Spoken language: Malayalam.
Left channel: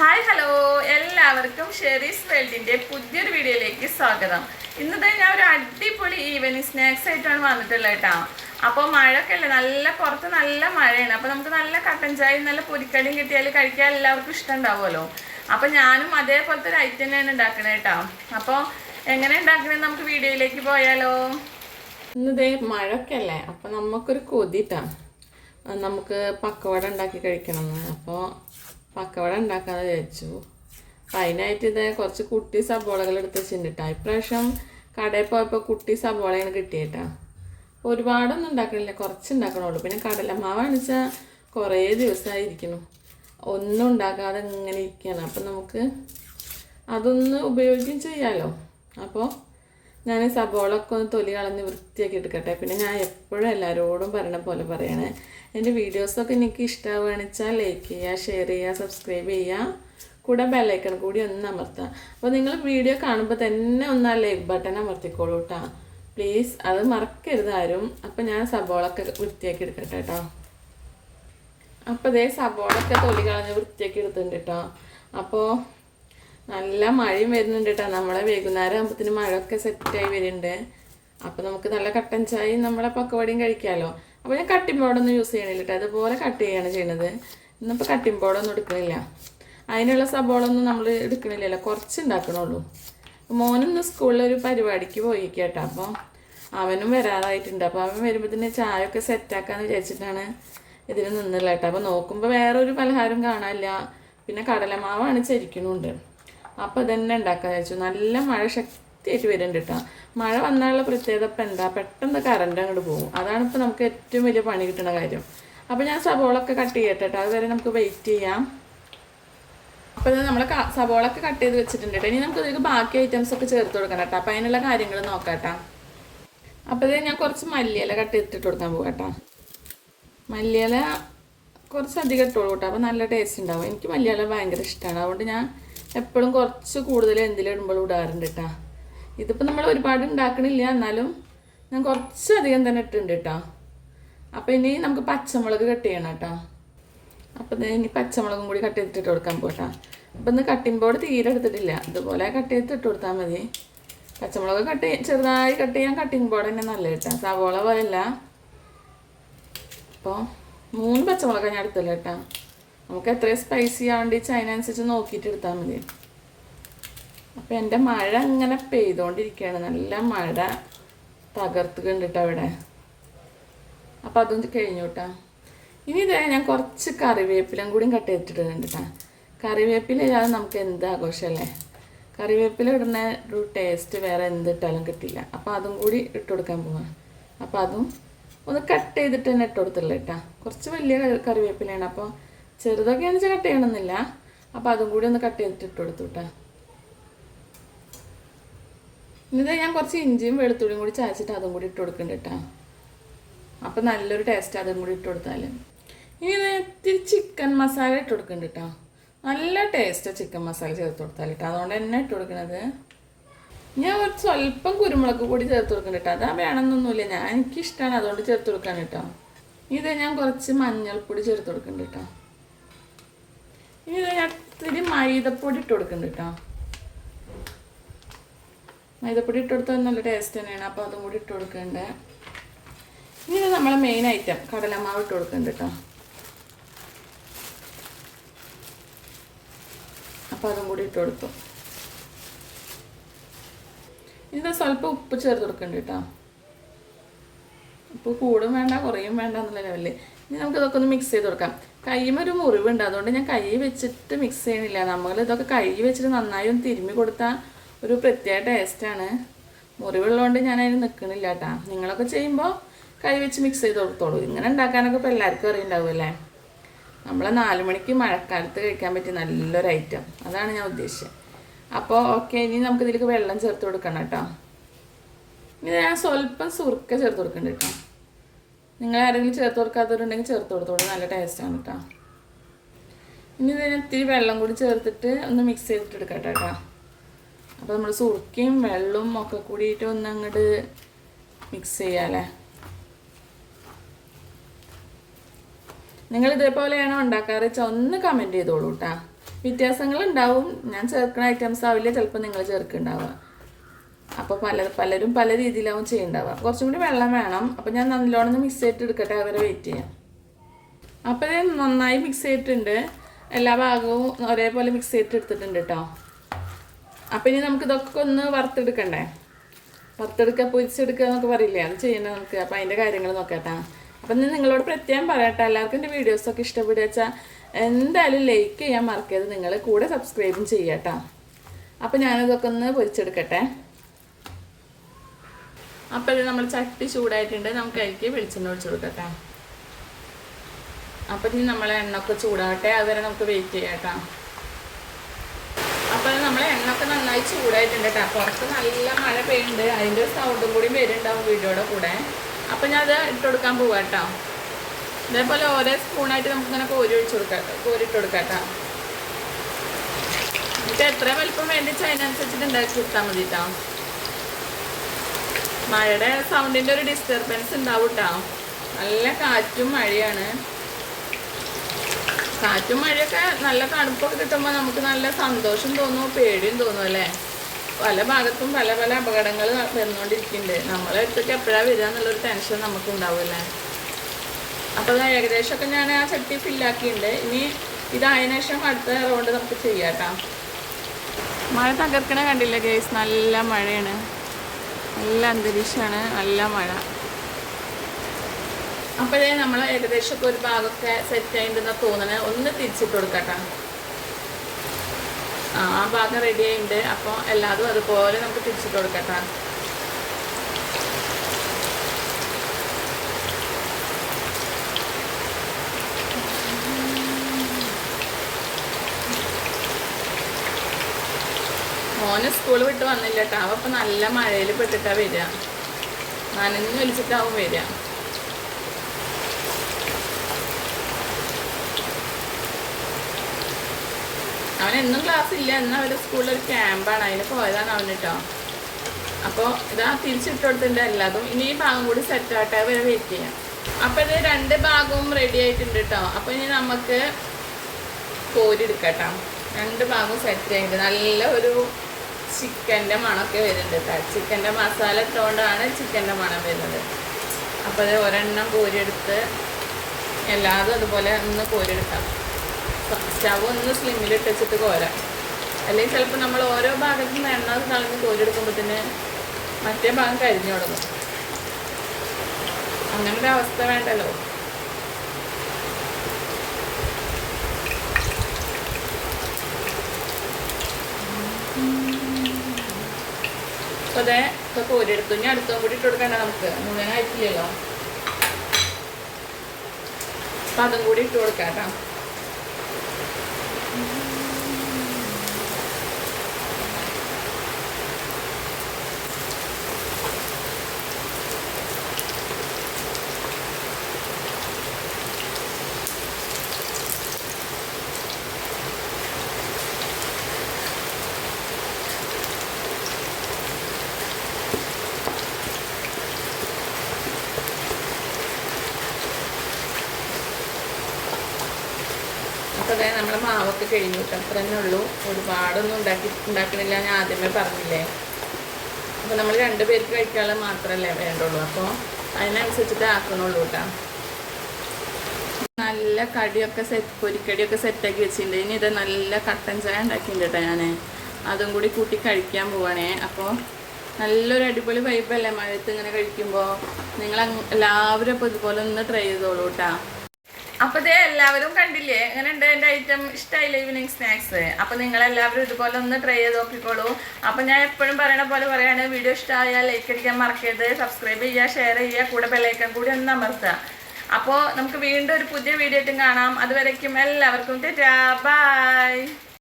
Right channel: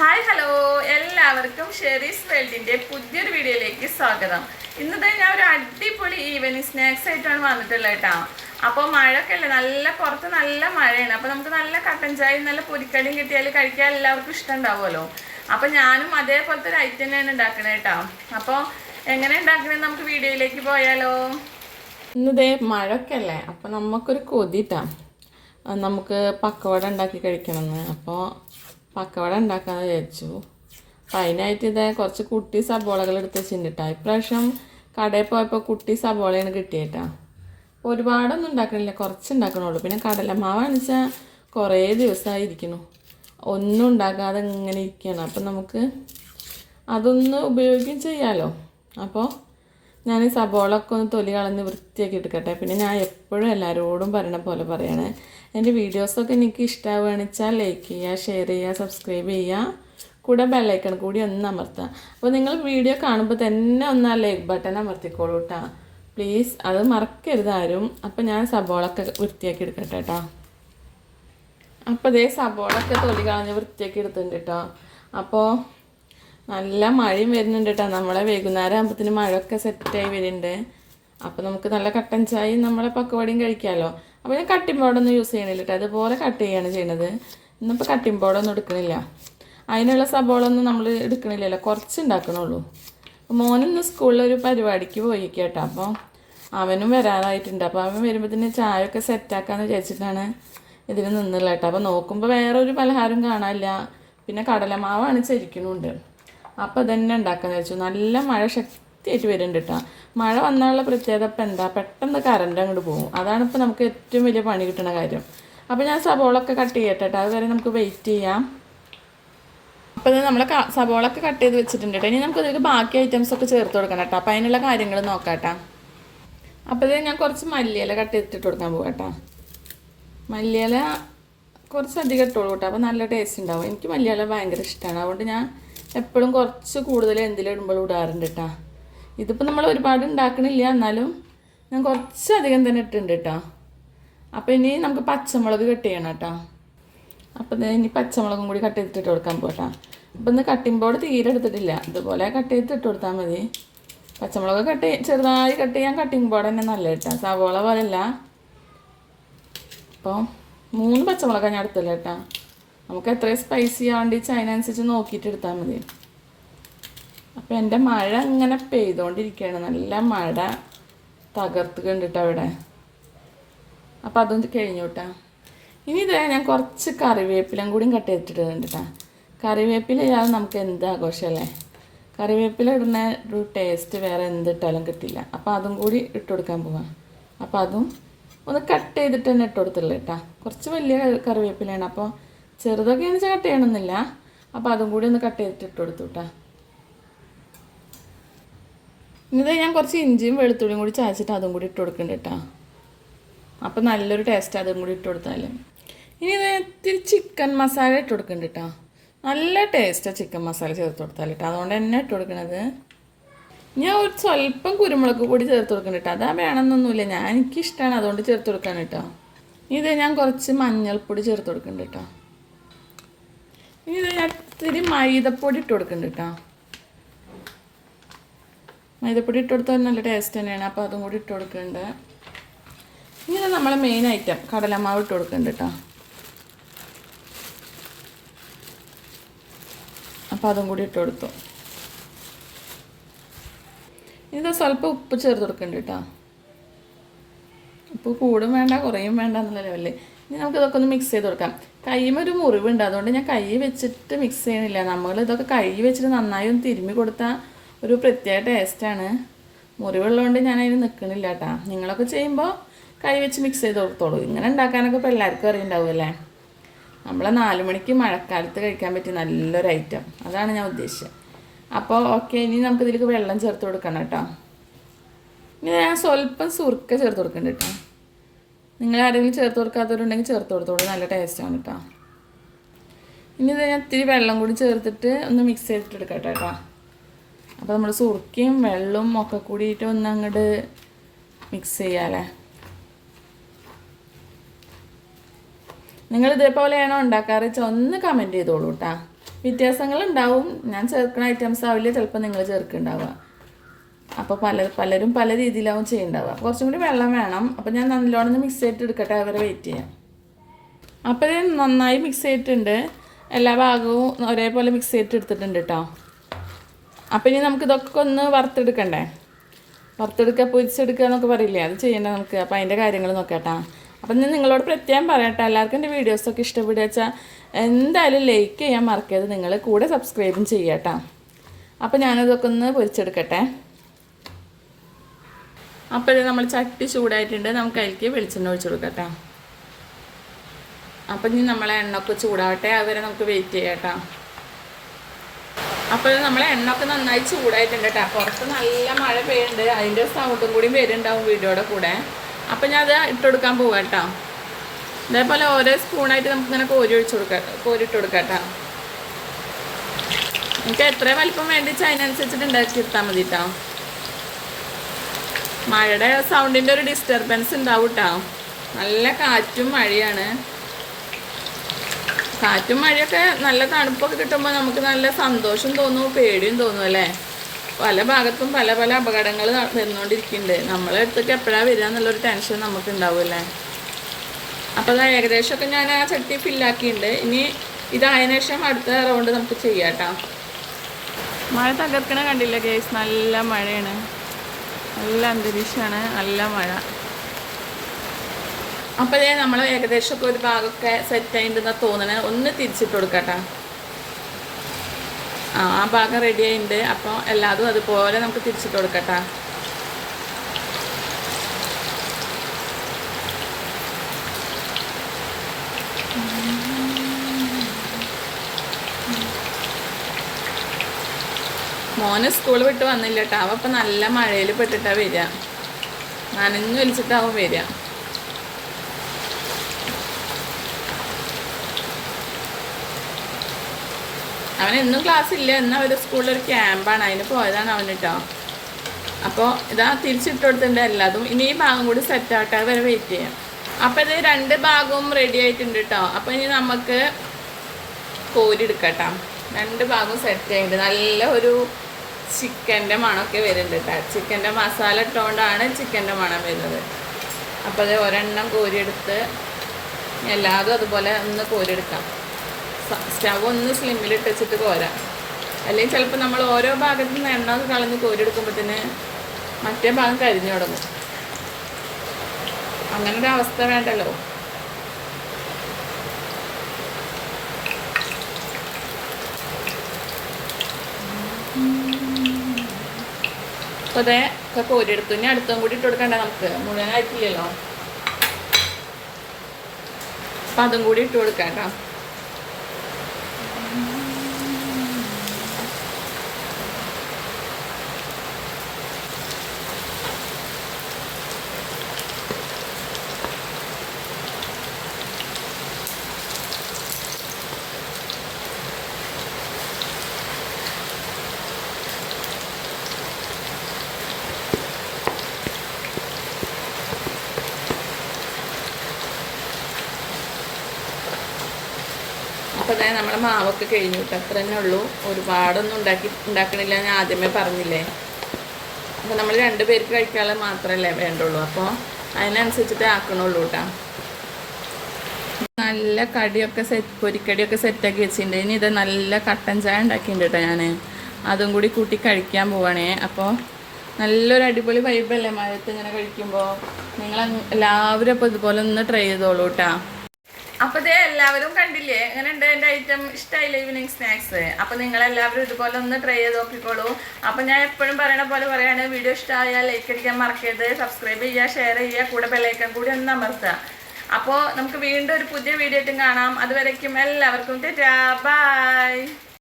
ഹായ് ഹലോ എല്ലാവർക്കും ഷെറീസ് വേൾഡിൻ്റെ പുതിയൊരു വീഡിയോയിലേക്ക് സ്വാഗതം. ഇന്നത്തെ ഞാൻ ഒരു അടിപൊളി ഈവനിങ് സ്നാക്സ് ആയിട്ടാണ് വന്നിട്ടുള്ളത് കേട്ടോ. അപ്പോൾ മഴയൊക്കെ അല്ലേ, നല്ല പുറത്ത് നല്ല മഴയാണ്. അപ്പോൾ നമുക്ക് നല്ല കട്ടൻ ചായയും നല്ല പൊരിക്കടിയും കിട്ടിയാൽ കഴിക്കാൻ എല്ലാവർക്കും ഇഷ്ടം ഉണ്ടാവുമല്ലോ. അപ്പോൾ ഞാനും അതേപോലത്തെ ഒരു ഐറ്റം തന്നെയാണ് ഉണ്ടാക്കണത് കേട്ടോ. അപ്പോൾ എങ്ങനെ ഉണ്ടാക്കണേന്ന് നമുക്ക് വീഡിയോയിലേക്ക് പോയാലോ. ഇന്നതേ മഴയൊക്കെ അല്ലേ, അപ്പോൾ നമുക്കൊരു കൊതിട്ടാ, നമുക്ക് പക്കവട ഉണ്ടാക്കി കഴിക്കണമെന്ന്. അപ്പോൾ പക്കവട ഉണ്ടാക്കാമെന്ന് വിചാരിച്ചു. അപ്പം അതിനായിട്ട് ഇതേ കുറച്ച് കുട്ടി സബോളകൾ എടുത്ത് വെച്ചിട്ടാ. ഇപ്രാവശ്യം കടയിൽ പോയപ്പോൾ കുട്ടി സബോളയാണ് കിട്ടിയിട്ടാ. അപ്പോൾ ഒരുപാടൊന്നും ഉണ്ടാക്കണില്ല, കുറച്ച് ഉണ്ടാക്കണുള്ളൂ. പിന്നെ കടലമാവാണെന്ന് വെച്ചാൽ കുറേ ദിവസമായിരിക്കുന്നു ഒന്നും ഉണ്ടാക്കാതെ ഇങ്ങനെ ഇരിക്കുകയാണ്. അപ്പം നമുക്ക് അതൊന്ന് ഉപയോഗിക്കുകയും ചെയ്യാമല്ലോ. അപ്പോൾ ഞാൻ സബോളൊക്കെ ഒന്ന് തൊലി കളഞ്ഞ് വൃത്തിയാക്കി എടുക്കട്ടെ. പിന്നെ ഞാൻ എപ്പോഴും എല്ലാവരോടും പറയണ പോലെ പറയണേ, എൻ്റെ വീഡിയോസൊക്കെ എനിക്ക് ഇഷ്ടമാവുകയാണെന്ന് വെച്ചാൽ ലൈക്ക് ചെയ്യുക, ഷെയർ ചെയ്യുക, സബ്സ്ക്രൈബ് ചെയ്യുക, കൂടെ ബെല്ലൈക്കൺ കൂടി ഒന്ന് അമർത്തുക. അപ്പോൾ നിങ്ങൾ വീഡിയോ കാണുമ്പോൾ തന്നെ ഒന്ന് ആ ലൈക്ക് ബട്ടൺ അമർത്തിക്കോളൂ കേട്ടോ, പ്ലീസ്. അത് മറക്കരുത് ആരും. അപ്പോൾ ഞാൻ സബോളൊക്കെ വൃത്തിയാക്കി എടുക്കട്ടെ കേട്ടോ. അപ്പോൾ ഇതേ സബോളൊക്കെ തൊലി കളഞ്ഞ് വൃത്തിയാക്കി എടുത്തിട്ടുണ്ട് കേട്ടോ. അപ്പോൾ നല്ല മഴയും വരുന്നുണ്ട് കേട്ടോ. നമ്മളെ വൈകുന്നേരം ആകുമ്പോഴത്തേന് മഴയൊക്കെ സെറ്റായി വരുന്നുണ്ട്. അപ്പോൾ നമുക്ക് നല്ല കട്ടൻ ചായയും നമ്മളെ പക്കവടയും കഴിക്കാമല്ലോ. അപ്പോൾ ഞാൻ കട്ടിംഗ് ബോർഡൊന്നും യൂസ് ചെയ്യണില്ല കേട്ടോ, അതുപോലെ കട്ട് ചെയ്യാണ് ചെയ്യണത്. ഇന്നിപ്പോൾ കട്ടിംഗ് ബോർഡൊന്നും എടുക്കണില്ല, അതിനുള്ള സബോളൊന്നും നമ്മൾ എടുക്കണില്ലല്ലോ, കുറച്ച് ഉണ്ടാക്കണുള്ളൂ. മോനൊന്ന് സ്കൂളിൽ ഒരു പരിപാടിക്ക് പോയി കേട്ടോ. അപ്പോൾ അവനും വരാറായിട്ടുണ്ട്. അപ്പോൾ അവൻ വരുമ്പോഴത്തേന് ചായയൊക്കെ സെറ്റാക്കാമെന്ന് വിചാരിച്ചിട്ടാണ് ഇതിന് നിന്നില്ല കേട്ടോ. അപ്പോൾ നോക്കുമ്പോൾ വേറെ ഒരു പലഹാരം കാണാനില്ല. പിന്നെ കടലമാവാണ് ചരിക്കണുണ്ട്. അപ്പോൾ ഇതന്നെ ഉണ്ടാക്കാമെന്ന് വെച്ചു. നല്ല മഴ ശക്തിയായിട്ട് വരുന്നുണ്ട് കേട്ടോ. മഴ വന്നാലുള്ള പ്രത്യേകത ഇപ്പം എന്താ, പെട്ടെന്ന് കറണ്ട് അങ്ങോട്ട് പോകും. അതാണ് ഇപ്പോൾ നമുക്ക് ഏറ്റവും വലിയ പണി കിട്ടുന്ന കാര്യം. അപ്പോൾ ഞാൻ സബോളൊക്കെ കട്ട് ചെയ്യട്ടെ കേട്ടോ, അതുവരെ നമുക്ക് വെയിറ്റ് ചെയ്യാം. അപ്പോൾ ഇത് നമ്മൾ സബോളൊക്കെ കട്ട് ചെയ്ത് വെച്ചിട്ടുണ്ട് കേട്ടോ. ഇനി നമുക്ക് ഇതിലേക്ക് ബാക്കി ഐറ്റംസൊക്കെ ചേർത്ത് കൊടുക്കണം കേട്ടോ. അപ്പോൾ അതിനുള്ള കാര്യങ്ങൾ നോക്കാം കേട്ടോ. അപ്പോൾ ഇത് ഞാൻ കുറച്ച് മല്ലിയില കട്ട് ചെയ്തിട്ട് കൊടുക്കാൻ പോകാം കേട്ടോ. മല്ലിയില കുറച്ച് അധികം ഇട്ടോളൂ കേട്ടോ, അപ്പോൾ നല്ല ടേസ്റ്റ് ഉണ്ടാവും. എനിക്ക് മല്ലിയില ഭയങ്കര ഇഷ്ടമാണ്, അതുകൊണ്ട് ഞാൻ എപ്പോഴും കുറച്ച് കൂടുതൽ എന്തിലും ഇടുമ്പോഴും ഇടാറുണ്ട് കേട്ടോ. ഇതിപ്പോൾ നമ്മൾ ഒരുപാട് ഉണ്ടാക്കണില്ല, എന്നാലും ഞാൻ കുറച്ചധികം തന്നെ ഇട്ടിട്ടുണ്ട് കേട്ടോ. അപ്പോൾ ഇനി നമുക്ക് പച്ചമുളക് കട്ട് ചെയ്യണം കേട്ടോ. അപ്പോൾ ഇനി പച്ചമുളകും കൂടി കട്ട് ചെയ്തിട്ട് കൊടുക്കാൻ പോകട്ടോ. അപ്പോൾ ഇന്ന് കട്ടിംഗ് ബോർഡ് തീരെ എടുത്തിട്ടില്ല, ഇതുപോലെ കട്ട് ചെയ്തിട്ട് ഇട്ട് കൊടുത്താൽ മതി. പച്ചമുളക് ചെറുതായി കട്ട് ചെയ്യാൻ കട്ടിംഗ് ബോർഡ് തന്നെ നല്ല കേട്ടോ, സവോള പോലെയല്ല. അപ്പോൾ 3 പച്ചമുളകാണ് ഞാൻ എടുത്തില്ല കേട്ടോ. നമുക്ക് എത്ര സ്പൈസി ആവേണ്ടി അതിനനുസരിച്ച് നോക്കിയിട്ട് എടുത്താൽ മതി. അപ്പോൾ എൻ്റെ മഴ ഇങ്ങനെ പെയ്തുകൊണ്ടിരിക്കുകയാണ്, നല്ല മഴ തകർത്ത് കണ്ടിട്ട് അവിടെ. അപ്പോൾ അതും കഴിഞ്ഞു കേട്ടോ. ഇനി ഇതേ ഞാൻ കുറച്ച് കറിവേപ്പിലും കൂടി കട്ട് ചെയ്തിട്ടുണ്ട് കേട്ടോ. കറിവേപ്പില ഇല്ലാതെ നമുക്ക് എന്ത് ആഘോഷമല്ലേ. കറിവേപ്പില ഇടുന്ന ഒരു ടേസ്റ്റ് വേറെ എന്തിട്ടാലും കിട്ടില്ല. അപ്പോൾ അതും കൂടി ഇട്ട് കൊടുക്കാൻ പോവാം. അപ്പോൾ അതും ഒന്ന് കട്ട് ചെയ്തിട്ട് തന്നെ ഇട്ട് കൊടുത്തുള്ളൂ കേട്ടോ. കുറച്ച് വലിയ കറിവേപ്പിലയാണ്, അപ്പോൾ ചെറുതൊക്കെ എന്ന് വെച്ചാൽ കട്ട് ചെയ്യണമെന്നില്ല. അപ്പോൾ അതും കൂടി ഒന്ന് കട്ട് ചെയ്തിട്ട് ഇട്ട് കൊടുത്തു കേട്ടോ. ഇനിത് ഞാൻ കുറച്ച് ഇഞ്ചിയും വെളുത്തുള്ളിയും കൂടി ചായച്ചിട്ട് അതും കൂടി ഇട്ട് കൊടുക്കുന്നുണ്ട് കേട്ടോ. അപ്പോൾ നല്ലൊരു ടേസ്റ്റ് അതും കൂടി ഇട്ട് കൊടുത്താൽ. ഇനി ഇത് ഇത്തിരി ചിക്കൻ മസാല ഇട്ട് കൊടുക്കുന്നുണ്ട് കേട്ടോ. നല്ല ടേസ്റ്റ് ചിക്കൻ മസാല ചേർത്ത് കൊടുത്താൽ കേട്ടോ, അതുകൊണ്ട് തന്നെ ഇട്ട് കൊടുക്കണത്. ഞാൻ ഒരു സ്വല്പം കുരുമുളക് പൊടി ചേർത്ത് കൊടുക്കുന്നുണ്ട് കേട്ടോ. അതാ വേണമെന്നൊന്നുമില്ല, എനിക്കിഷ്ടമാണ് അതുകൊണ്ട് ചേർത്ത് കൊടുക്കാൻ കേട്ടോ. ഇത് ഞാൻ കുറച്ച് മഞ്ഞൾപ്പൊടി ചേർത്ത് കൊടുക്കുന്നുണ്ട് കേട്ടോ. ഇനി ഇത് ഞാൻ ഇത്തിരി മൈദപ്പൊടി ഇട്ട് കൊടുക്കുന്നുണ്ട് കേട്ടോ. മൈദപ്പൊടി ഇട്ട് കൊടുത്താൽ നല്ല ടേസ്റ്റ് തന്നെയാണ്, അപ്പോൾ അതും കൂടി ഇട്ട് കൊടുക്കുന്നുണ്ട്. ഇനി ഇത് നമ്മളെ മെയിൻ ഐറ്റം കടലമാവ് ഇട്ട് കൊടുക്കുന്നുണ്ട് കേട്ടോ. അപ്പോൾ അതും കൂടി ഇട്ട് കൊടുത്തു. ഇത് സ്വല്പം ഉപ്പ് ചേർത്ത് കൊടുക്കുന്നുണ്ട് കേട്ടോ. ഉപ്പ് കൂടും വേണ്ട കുറയും വേണ്ട എന്നുള്ള ലെവലിൽ. ഇനി നമുക്കിതൊക്കെ ഒന്ന് മിക്സ് ചെയ്ത് കൊടുക്കാം. കൈമൊരു മുറിവുണ്ട്, അതുകൊണ്ട് ഞാൻ കൈ വെച്ചിട്ട് മിക്സ് ചെയ്യണില്ല. നമ്മൾ ഇതൊക്കെ കൈ വെച്ചിട്ട് നന്നായി ഒന്ന് തിരുമ്മി കൊടുത്താൽ ഒരു പ്രത്യേക ടേസ്റ്റാണ്. മുറിവുള്ളതുകൊണ്ട് ഞാൻ അതിന് നിൽക്കണില്ല കേട്ടോ. നിങ്ങളൊക്കെ ചെയ്യുമ്പോൾ കൈ വെച്ച് മിക്സ് ചെയ്ത് കൊടുത്തോളൂ. ഇങ്ങനെ ഉണ്ടാക്കാനൊക്കെ ഇപ്പോൾ എല്ലാവർക്കും അറിയുണ്ടാവുമല്ലേ. നമ്മളെ 4 മണിക്ക് മഴക്കാലത്ത് കഴിക്കാൻ പറ്റിയ നല്ലൊരു ഐറ്റം, അതാണ് ഞാൻ ഉദ്ദേശിച്ചത്. അപ്പോൾ ഓക്കെ, ഇനി നമുക്ക് ഇതിലേക്ക് വെള്ളം ചേർത്ത് കൊടുക്കണം കേട്ടോ. ഇനി ഞാൻ സ്വല്പം സുർക്ക ചേർത്ത് കൊടുക്കുന്നുണ്ട് കേട്ടോ. നിങ്ങൾ ആരെങ്കിലും ചേർത്ത് കൊടുക്കാത്തവരുണ്ടെങ്കിൽ ചേർത്ത് കൊടുത്തോളൂ, നല്ല ടേസ്റ്റാണ് കേട്ടോ. ഇനി ഇത് ഞാൻ ഇത്തിരി വെള്ളം കൂടി ചേർത്തിട്ട് ഒന്ന് മിക്സ് ചെയ്തിട്ട് എടുക്കാം കേട്ടോ. അപ്പോൾ നമ്മൾ സുർക്കയും വെള്ളവും ഒക്കെ കൂടിയിട്ട് ഒന്ന് അങ്ങോട്ട് മിക്സ് ചെയ്യാമല്ലേ. നിങ്ങൾ ഇതേപോലെയാണോ ഉണ്ടാക്കാറ് വെച്ചാൽ ഒന്ന് കമൻറ്റ് ചെയ്തോളൂ കേട്ടോ. വ്യത്യാസങ്ങളുണ്ടാവും. ഞാൻ ചേർക്കുന്ന ഐറ്റംസ് ആവില്ല ചിലപ്പോൾ നിങ്ങൾ ചേർക്കുന്നുണ്ടാവുക. അപ്പോൾ പലരും പല രീതിയിലാവും ചെയ്യുന്നുണ്ടാവുക. കുറച്ചും കൂടി വെള്ളം വേണം. അപ്പോൾ ഞാൻ നല്ലോണം മിക്സ് ചെയ്തിട്ട് എടുക്കട്ടെ, അവരെ വെയിറ്റ് ചെയ്യാം. അപ്പോൾ ഞാൻ നന്നായി മിക്സ് ചെയ്തിട്ടുണ്ട്. എല്ലാ ഭാഗവും ഒരേപോലെ മിക്സ് ചെയ്തിട്ട് എടുത്തിട്ടുണ്ട് കേട്ടോ. അപ്പോൾ ഇനി നമുക്ക് ഇതൊക്കെ ഒന്ന് വറുത്തെടുക്കണ്ടേ? വറുത്തെടുക്കുക, പൊരിച്ചെടുക്കുക എന്നൊക്കെ പറയില്ലേ, അത് ചെയ്യണ്ടേ നമുക്ക്. അപ്പോൾ അതിൻ്റെ കാര്യങ്ങൾ നോക്കട്ടാ. അപ്പം ഞാൻ നിങ്ങളോട് പ്രത്യേകം പറയട്ടെ, എല്ലാവർക്കും എൻ്റെ വീഡിയോസൊക്കെ ഇഷ്ടപ്പെടുക വെച്ചാൽ എന്തായാലും ലൈക്ക് ചെയ്യാൻ മറക്കരുത്. നിങ്ങൾ കൂടെ സബ്സ്ക്രൈബും ചെയ്യട്ടോ. അപ്പോൾ ഞാനിതൊക്കെ ഒന്ന് പൊരിച്ചെടുക്കട്ടെ. അപ്പോൾ ഇത് നമ്മൾ ചട്ടി ചൂടായിട്ടുണ്ട്. നമുക്ക് അതിലേക്ക് വെളിച്ചെണ്ണ ഒഴിച്ചു കൊടുക്കട്ടെ. അപ്പം ഇനി നമ്മളെ എണ്ണയൊക്കെ ചൂടാവട്ടെ, അതുവരെ നമുക്ക് വെയിറ്റ് ചെയ്യട്ടോ. അപ്പോൾ നമ്മളെ എണ്ണയൊക്കെ നന്നായി ചൂടായിട്ടുണ്ട് കേട്ടോ. പുറത്ത് നല്ല മഴ പെയ്യുന്നുണ്ട്, അതിൻ്റെ സൗണ്ടും കൂടി വരുന്നുണ്ടാവും വീഡിയോയുടെ കൂടെ. അപ്പം ഞാൻ അത് ഇട്ടുകൊടുക്കാൻ പോവാം കേട്ടോ. ഇതേപോലെ ഓരോ സ്പൂണായിട്ട് നമുക്കിങ്ങനെ കോരിട്ട് കൊടുക്കാം കേട്ടോ. നമുക്ക് എത്ര വലിപ്പം വേണ്ടിച്ച് അതിനനുസരിച്ചിട്ട് ഉണ്ടാക്കി എടുത്താൽ മതി കേട്ടോ. മഴയുടെ സൗണ്ടിൻ്റെ ഒരു ഡിസ്റ്റർബൻസ് ഉണ്ടാവും കേട്ടോ. നല്ല കാറ്റും മഴയാണ്. കാറ്റും മഴയൊക്കെ നല്ല തണുപ്പൊക്കെ കിട്ടുമ്പോൾ നമുക്ക് നല്ല സന്തോഷം തോന്നും, പേടിയും തോന്നും അല്ലേ. പല ഭാഗത്തും പല പല അപകടങ്ങൾ വരുന്നോണ്ടിരിക്കുന്നുണ്ട്. നമ്മളെ അടുത്തൊക്കെ എപ്പോഴാണ് വരിക എന്നുള്ളൊരു ടെൻഷൻ നമുക്ക് ഉണ്ടാവുമല്ലേ. അപ്പോൾ അത് ഏകദേശമൊക്കെ ഞാൻ ആ ചട്ടി ഫില്ലാക്കിയിട്ടുണ്ട്. ഇനി ഇതായതിനു ശേഷം അടുത്ത റൗണ്ട് നമുക്ക് ചെയ്യാം കേട്ടോ. മഴ തകർക്കണ കണ്ടില്ല ഗേസ്, നല്ല മഴയാണ്, നല്ല അന്തരീക്ഷമാണ്, നല്ല മഴ. അപ്പോൾ നമ്മൾ ഏകദേശമൊക്കെ ഒരു ഭാഗമൊക്കെ സെറ്റ് ആയിട്ടുണ്ടെന്നാ തോന്നണത്. ഒന്ന് തിരിച്ചിട്ട് കൊടുക്കട്ടോ. ആ ഭാഗം റെഡി ആയിട്ടുണ്ട്. അപ്പോൾ എല്ലാതും അതുപോലെ നമുക്ക് തിരിച്ചിട്ട് കൊടുക്കട്ടോ. മോന് സ്കൂൾ വിട്ട് വന്നില്ല കേട്ടോ. അവ ഇപ്പം നല്ല മഴയിൽ പെട്ടിട്ടാണ് വരിക, നനഞ്ഞു വലിച്ചിട്ടാവും വരിക. അവൻ എന്നും ക്ലാസ് ഇല്ല, എന്നാൽ അവരുടെ സ്കൂളിലൊരു ക്യാമ്പാണ്, അതിന് പോയതാണ് അവൻ കേട്ടോ. അപ്പോൾ ഇതാ തിരിച്ചിട്ട് കൊടുത്തിട്ടുണ്ട് എല്ലാതും. ഇനി ഈ ഭാഗം കൂടി സെറ്റ് ആവട്ടെ, വരെ വെയിറ്റ് ചെയ്യാം. അപ്പോൾ ഇത് രണ്ട് ഭാഗവും റെഡി ആയിട്ടുണ്ട് കേട്ടോ. അപ്പോൾ ഇനി നമുക്ക് കോരി എടുക്കട്ടോ. രണ്ട് ഭാഗവും സെറ്റ് ആയിട്ട് നല്ല ഒരു ചിക്കൻ്റെ മണമൊക്കെ വരുന്നുണ്ട് കേട്ടോ. ചിക്കൻ്റെ മസാല ഇട്ടുകൊണ്ടാണ് ചിക്കൻ്റെ മണം വരുന്നത്. അപ്പോൾ അത് ഒരെണ്ണം കോരിയെടുത്ത് എല്ലാതും അതുപോലെ ഒന്ന് കോരിയെടുക്കാം. സ്റ്റവ് ഒന്ന് സ്ലിമ്മിലിട്ട് വെച്ചിട്ട് കോരാം. അല്ലെങ്കിൽ ചിലപ്പോൾ നമ്മൾ ഓരോ ഭാഗത്തു നിന്ന് എണ്ണ കളഞ്ഞ് കോരിയെടുക്കുമ്പോഴത്തേന് മറ്റേ ഭാഗം കരിഞ്ഞു തുടങ്ങും. അങ്ങനൊരു അവസ്ഥ വേണ്ടല്ലോ. അപ്പോൾ അതേ ഒക്കെ കോരിയെടുത്തു. ഇനി അടുത്തും കൂടി ഇട്ട് കൊടുക്കണ്ട, നമുക്ക് മുഴുവനായിട്ടില്ലല്ലോ. അപ്പം അതും കൂടി ഇട്ട് കൊടുക്കാം കേട്ടോ. അപ്പോൾ അതായത് നമ്മുടെ മാവൊക്കെ കഴിഞ്ഞു കേട്ടോ. അത്ര തന്നെ ഉള്ളൂ, ഒരുപാടൊന്നും ഉണ്ടാക്കണില്ല, ഞാൻ ആദ്യമേ പറഞ്ഞില്ലേ. അപ്പോൾ നമ്മൾ 2 പേർക്ക് കഴിക്കാനുള്ളത് മാത്രമല്ലേ വേണ്ടുള്ളൂ. അപ്പോൾ അതിനനുസരിച്ചിട്ട് ആക്കണുള്ളൂ കേട്ടോ. നല്ല കടിയൊക്കെ പൊരിക്കടിയൊക്കെ സെറ്റാക്കി വെച്ചിട്ടുണ്ട്. ഇനി ഇത് നല്ല കട്ടൻ ചായ ഉണ്ടാക്കിയിട്ടുണ്ട് കേട്ടോ. ഞാൻ അതും കൂടി കൂട്ടി കഴിക്കാൻ പോവാണേ. അപ്പോൾ നല്ലൊരു അടിപൊളി വൈബല്ലേ മഴയത്ത് ഇങ്ങനെ കഴിക്കുമ്പോൾ. നിങ്ങൾ എല്ലാവരും അപ്പോൾ ഇതുപോലെ ഒന്ന് ട്രൈ ചെയ്തോളൂ കേട്ടോ. അപ്പോൾ ഇതേ എല്ലാവരും കണ്ടില്ലേ എങ്ങനെയുണ്ട് എൻ്റെ ഐറ്റം? ഇഷ്ടമായില്ലേ evening snacks? അപ്പോൾ നിങ്ങളെല്ലാവരും ഇതുപോലെ ഒന്ന് ട്രൈ ചെയ്ത് നോക്കിക്കോളൂ. അപ്പോൾ ഞാൻ എപ്പോഴും പറയണ പോലെ പറയാണ്, വീഡിയോ ഇഷ്ടമായാൽ ലൈക്ക് അടിക്കാൻ മറക്കരുത്, സബ്സ്ക്രൈബ് ചെയ്യുക, ഷെയർ ചെയ്യുക, കൂടെ ബെല്ലൈക്കൺ കൂടി ഒന്ന് അമർത്തുക. അപ്പോൾ നമുക്ക് വീണ്ടും ഒരു പുതിയ വീഡിയോ ആയിട്ടും കാണാം. അതുവരേക്കും എല്ലാവർക്കും ടാറ്റാ, ബൈ.